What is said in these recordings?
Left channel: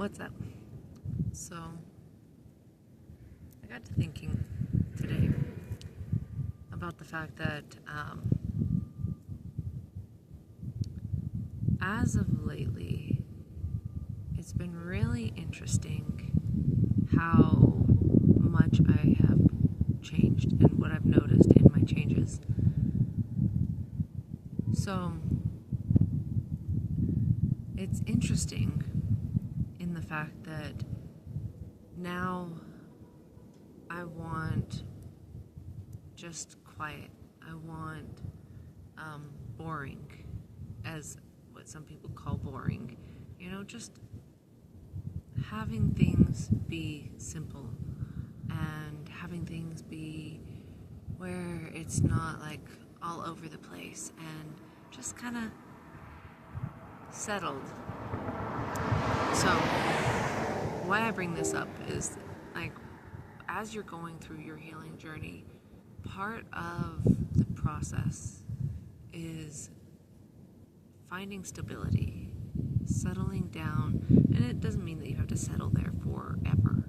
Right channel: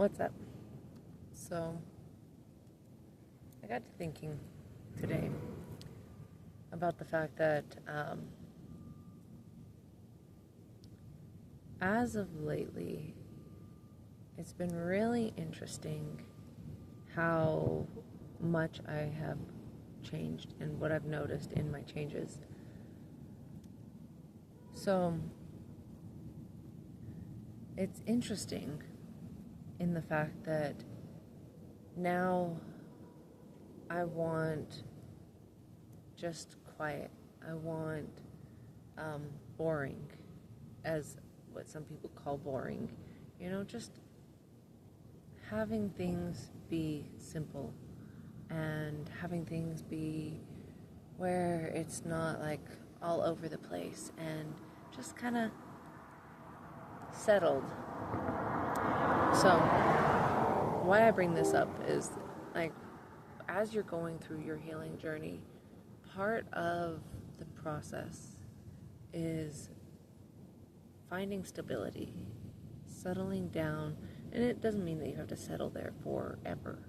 What's up? So, I got to thinking today about the fact that as of lately, it's been really interesting how much I have changed and what I've noticed in my changes. So, it's interesting in the fact that now I want just quiet. I want boring, as what some people call boring. Just having things be simple and having things be where it's not like all over the place and just kind of settled. So, why I bring this up is, like, as you're going through your healing journey, part of the process is finding stability, settling down, and it doesn't mean that you have to settle there forever.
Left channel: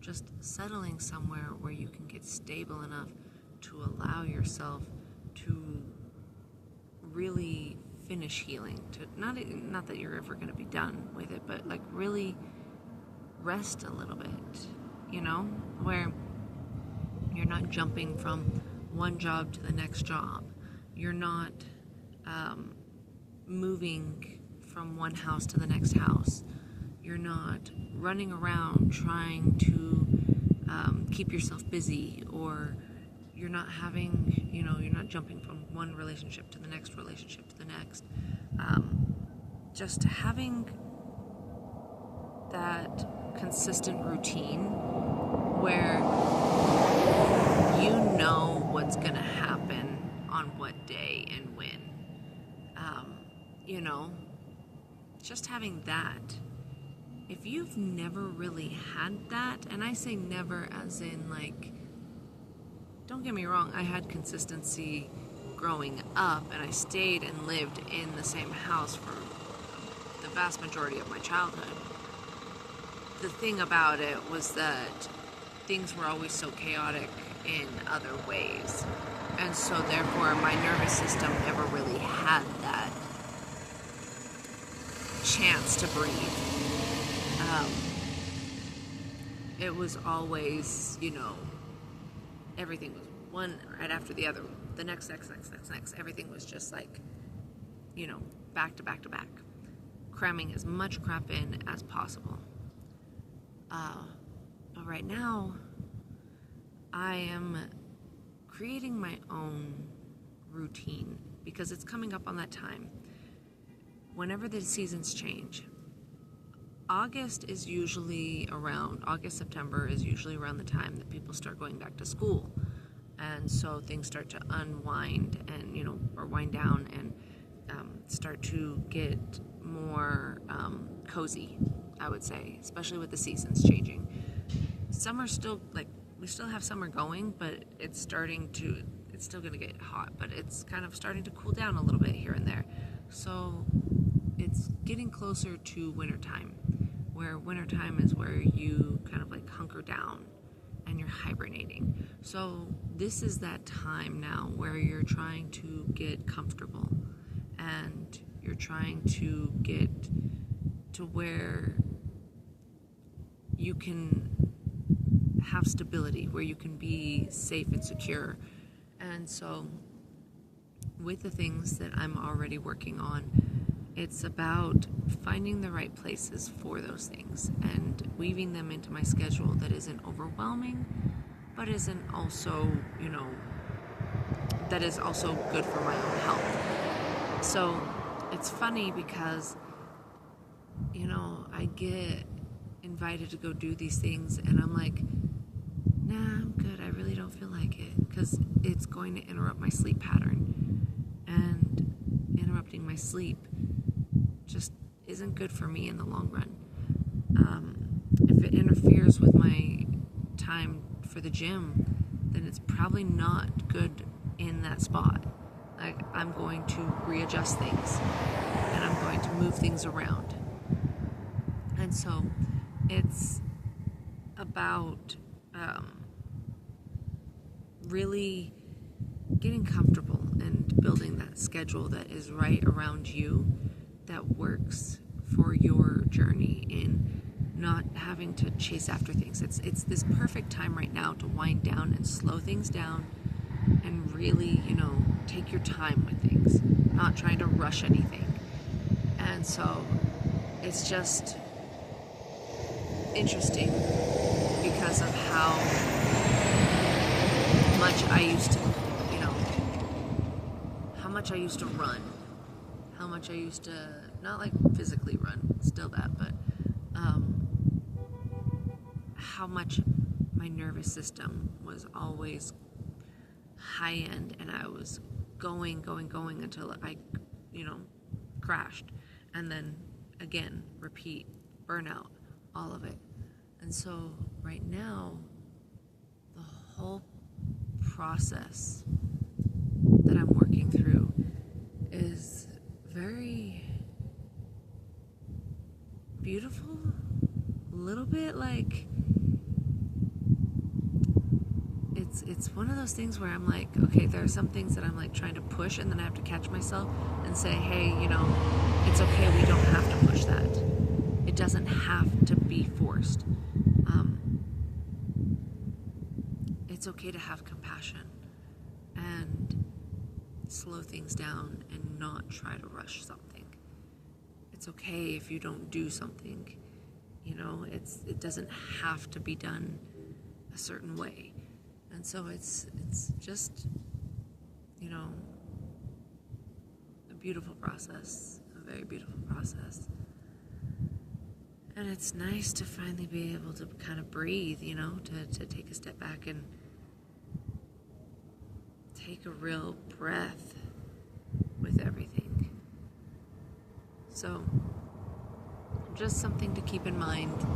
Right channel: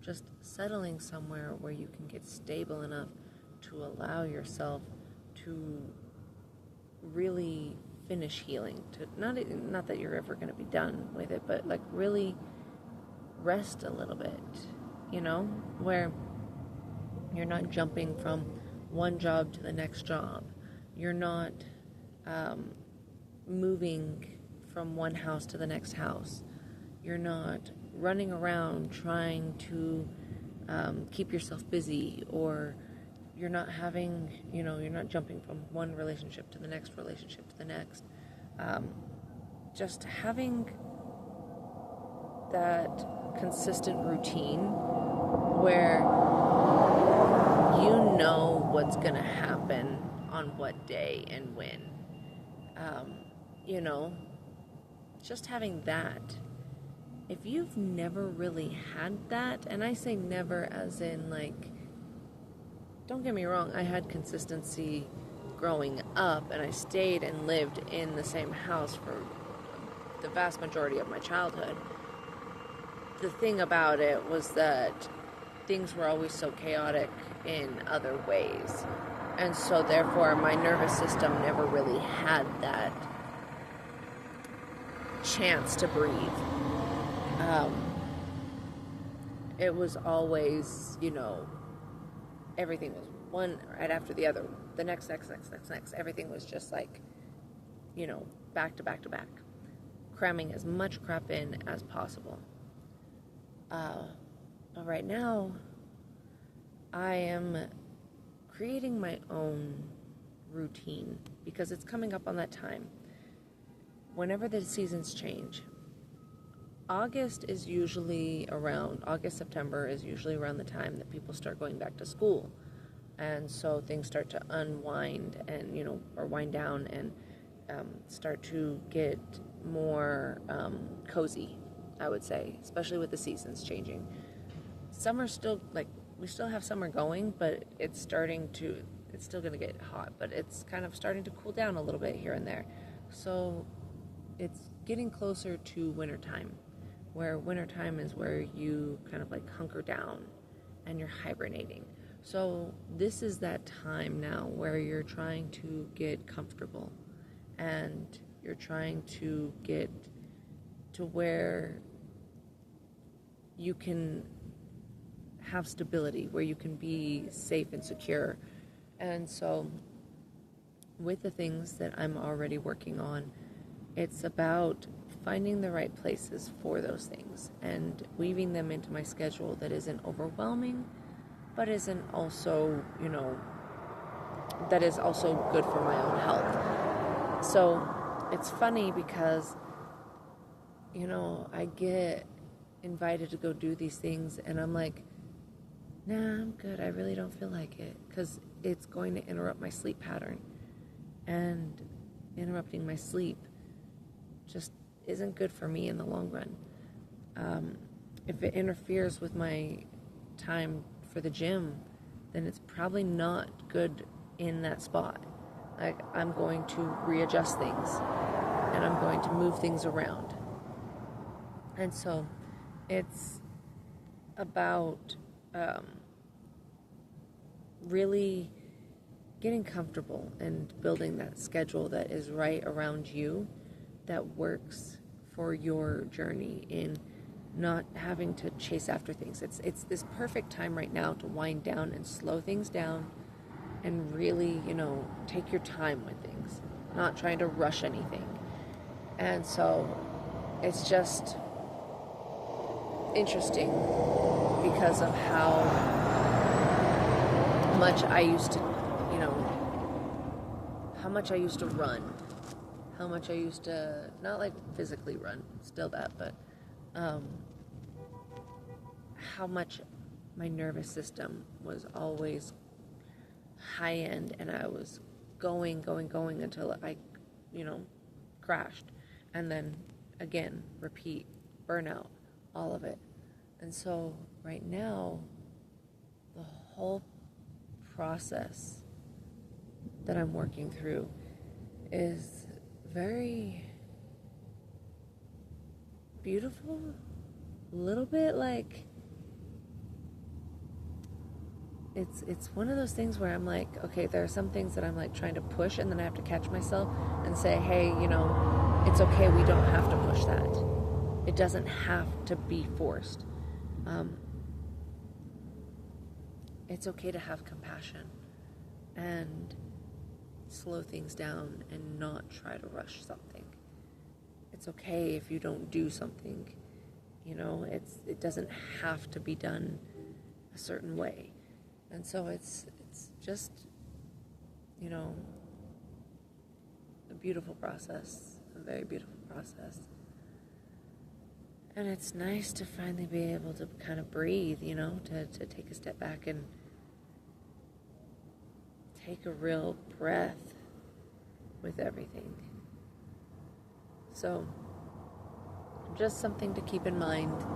Just settling somewhere where you can get stable enough to allow yourself to really finish healing, to not that you're ever going to be done with it, but like really rest a little bit, where you're not jumping from one job to the next job, you're not moving from one house to the next house, you're not running around trying to keep yourself busy, or you're not having, you're not jumping from one relationship to the next relationship to the next. Just having that consistent routine where you know what's going to happen on what day and when. Just having that. If you've never really had that, and I say never as in like, don't get me wrong, I had consistency growing up, and I stayed and lived in the same house for the vast majority of my childhood. The thing about it was that things were always so chaotic in other ways, and so therefore my nervous system never really had that chance to breathe. It was always, everything was one right after the other, the next. Everything was just like, back to back to back, cramming as much crap in as possible. But right now, I am creating my own routine because it's coming up on that time. Whenever the seasons change, August, September is usually around the time that people start going back to school. And so things start to unwind and, or wind down and start to get more cozy, I would say, especially with the seasons changing. Summer's still, we still have summer going, but it's still going to get hot, but it's kind of starting to cool down a little bit here and there. So it's getting closer to wintertime, where wintertime is where you kind of like hunker down and you're hibernating. So this is that time now where you're trying to get comfortable and you're trying to get to where you can have stability, where you can be safe and secure. And so with the things that I'm already working on, it's about finding the right places for those things and weaving them into my schedule that isn't overwhelming, but isn't also, that is also good for my own health. So it's funny because, I get invited to go do these things and I'm like, nah, I'm good. I really don't feel like it because it's going to interrupt my sleep pattern, and interrupting my sleep just isn't good for me in the long run. If it interferes with my time for the gym, then it's probably not good in that spot. Like, I'm going to readjust things and I'm going to move things around. And so it's about really getting comfortable and building that schedule that is right around you, that works for your journey, in not having to chase after things. It's this perfect time right now to wind down and slow things down and really, take your time with things, not trying to rush anything. And so it's just interesting because of how much I used to, how much I used to run, how much I used to, not like physically run, still that, but how much my nervous system was always high end, and I was going until I, crashed, and then again, repeat, burnout, all of it. And so right now, the whole process that I'm working through is very beautiful, a little bit like, it's one of those things where I'm like, okay, there are some things that I'm like trying to push, and then I have to catch myself and say, hey, it's okay, we don't have to push that. It doesn't have to be forced. It's okay to have compassion and slow things down and not try to rush something. It's okay if you don't do something, it doesn't have to be done a certain way. And so it's just, a beautiful process, a very beautiful process. And it's nice to finally be able to kind of breathe, to take a step back and take a real breath with everything. So just something to keep in mind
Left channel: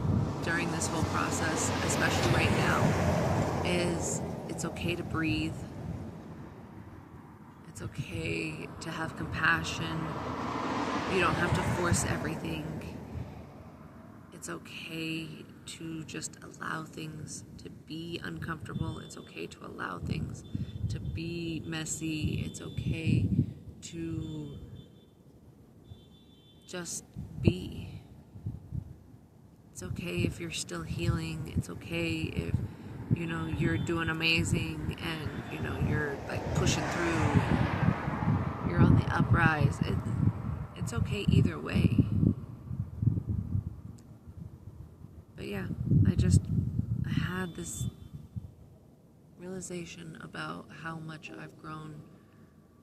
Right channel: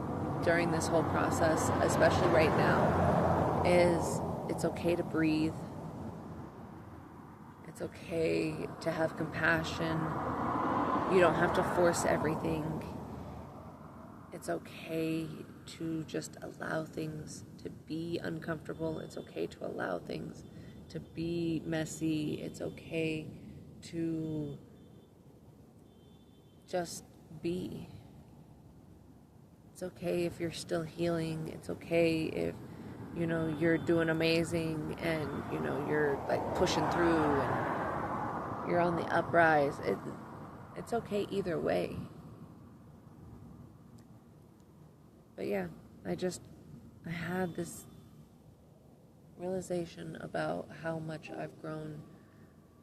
during this whole process, especially right now, is it's okay to breathe. It's okay to have compassion. You don't have to force everything. It's okay to just allow things to be uncomfortable. It's okay to allow things to be messy. It's okay to just be. It's okay if you're still healing. It's okay if, you're doing amazing and, you're like pushing through and you're on the uprise. It's okay either way. But yeah, I had this realization about how much I've grown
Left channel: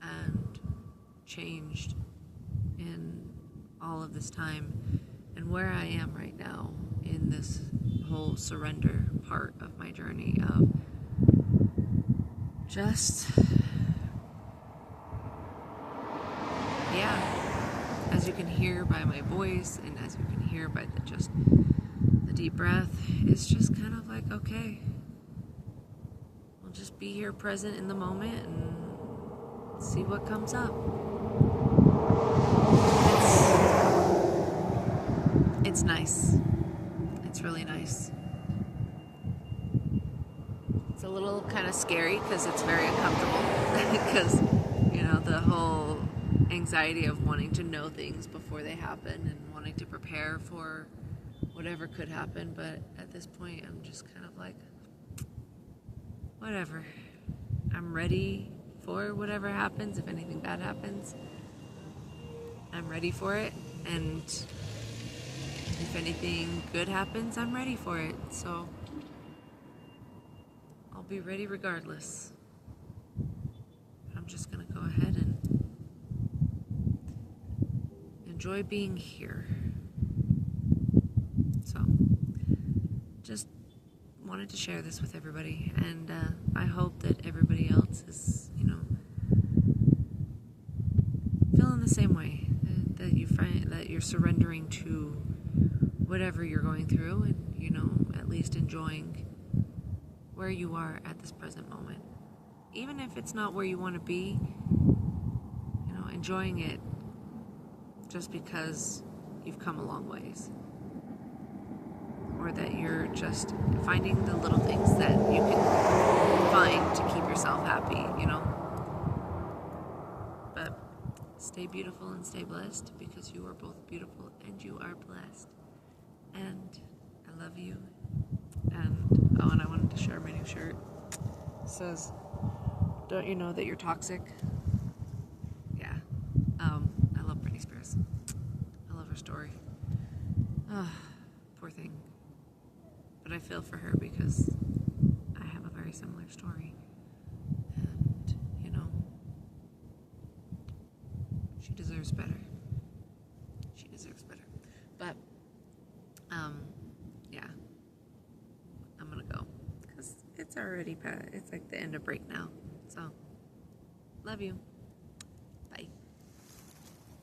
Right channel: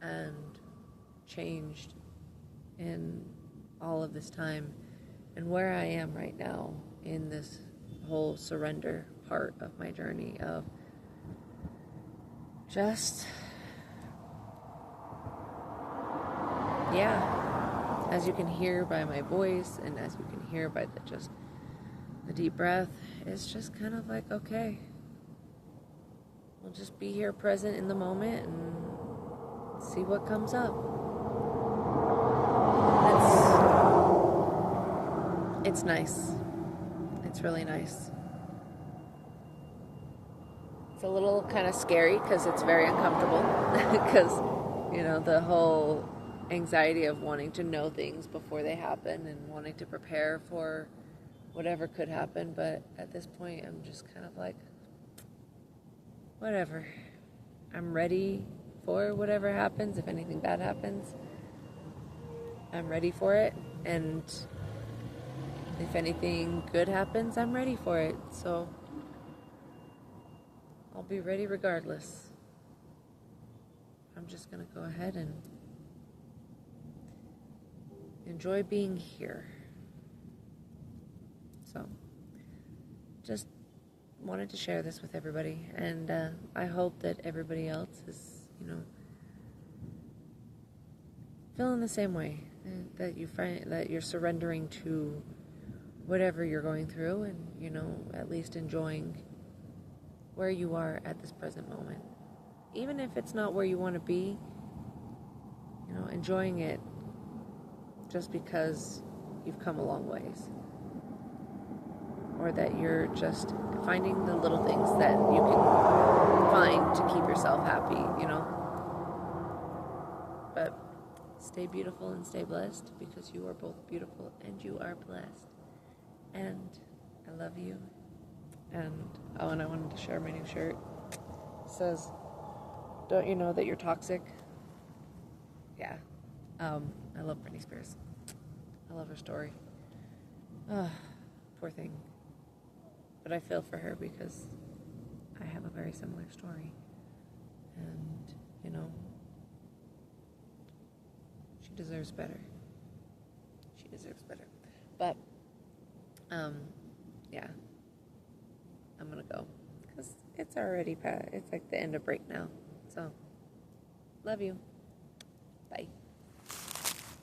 and changed in all of this time, and where I am right now in this whole surrender part of my journey of just, as you can hear by my voice and as you can hear by the deep breath, it's just kind of like, okay, we'll just be here present in the moment and see what comes up. It's nice. It's really nice. It's a little kind of scary because it's very uncomfortable because, the whole anxiety of wanting to know things before they happen and wanting to prepare for whatever could happen. But at this point, I'm just kind of like, whatever. I'm ready for whatever happens. If anything bad happens, I'm ready for it. And if anything good happens, I'm ready for it. So I'll be ready regardless. I'm just going to go ahead and enjoy being here. So just wanted to share this with everybody, and I hope that everybody else is, feeling the same way, that you find that you're surrendering to whatever you're going through, and at least enjoying where you are at this present moment, even if it's not where you want to be. Enjoying it just because you've come a long ways, or that you're just finding the little things that you can find to keep yourself happy, you know. But stay beautiful and stay blessed, because you are both beautiful and you are blessed. And I love you. And and I wanted to share my new shirt. It says, "Don't you know that you're toxic?" Yeah. I love Britney Spears. I love her story. Poor thing. But I feel for her because I have a very similar story. And, you know, she deserves better. She deserves better. But, yeah. I'm gonna go. Because it's already it's like the end of break now. So, love you.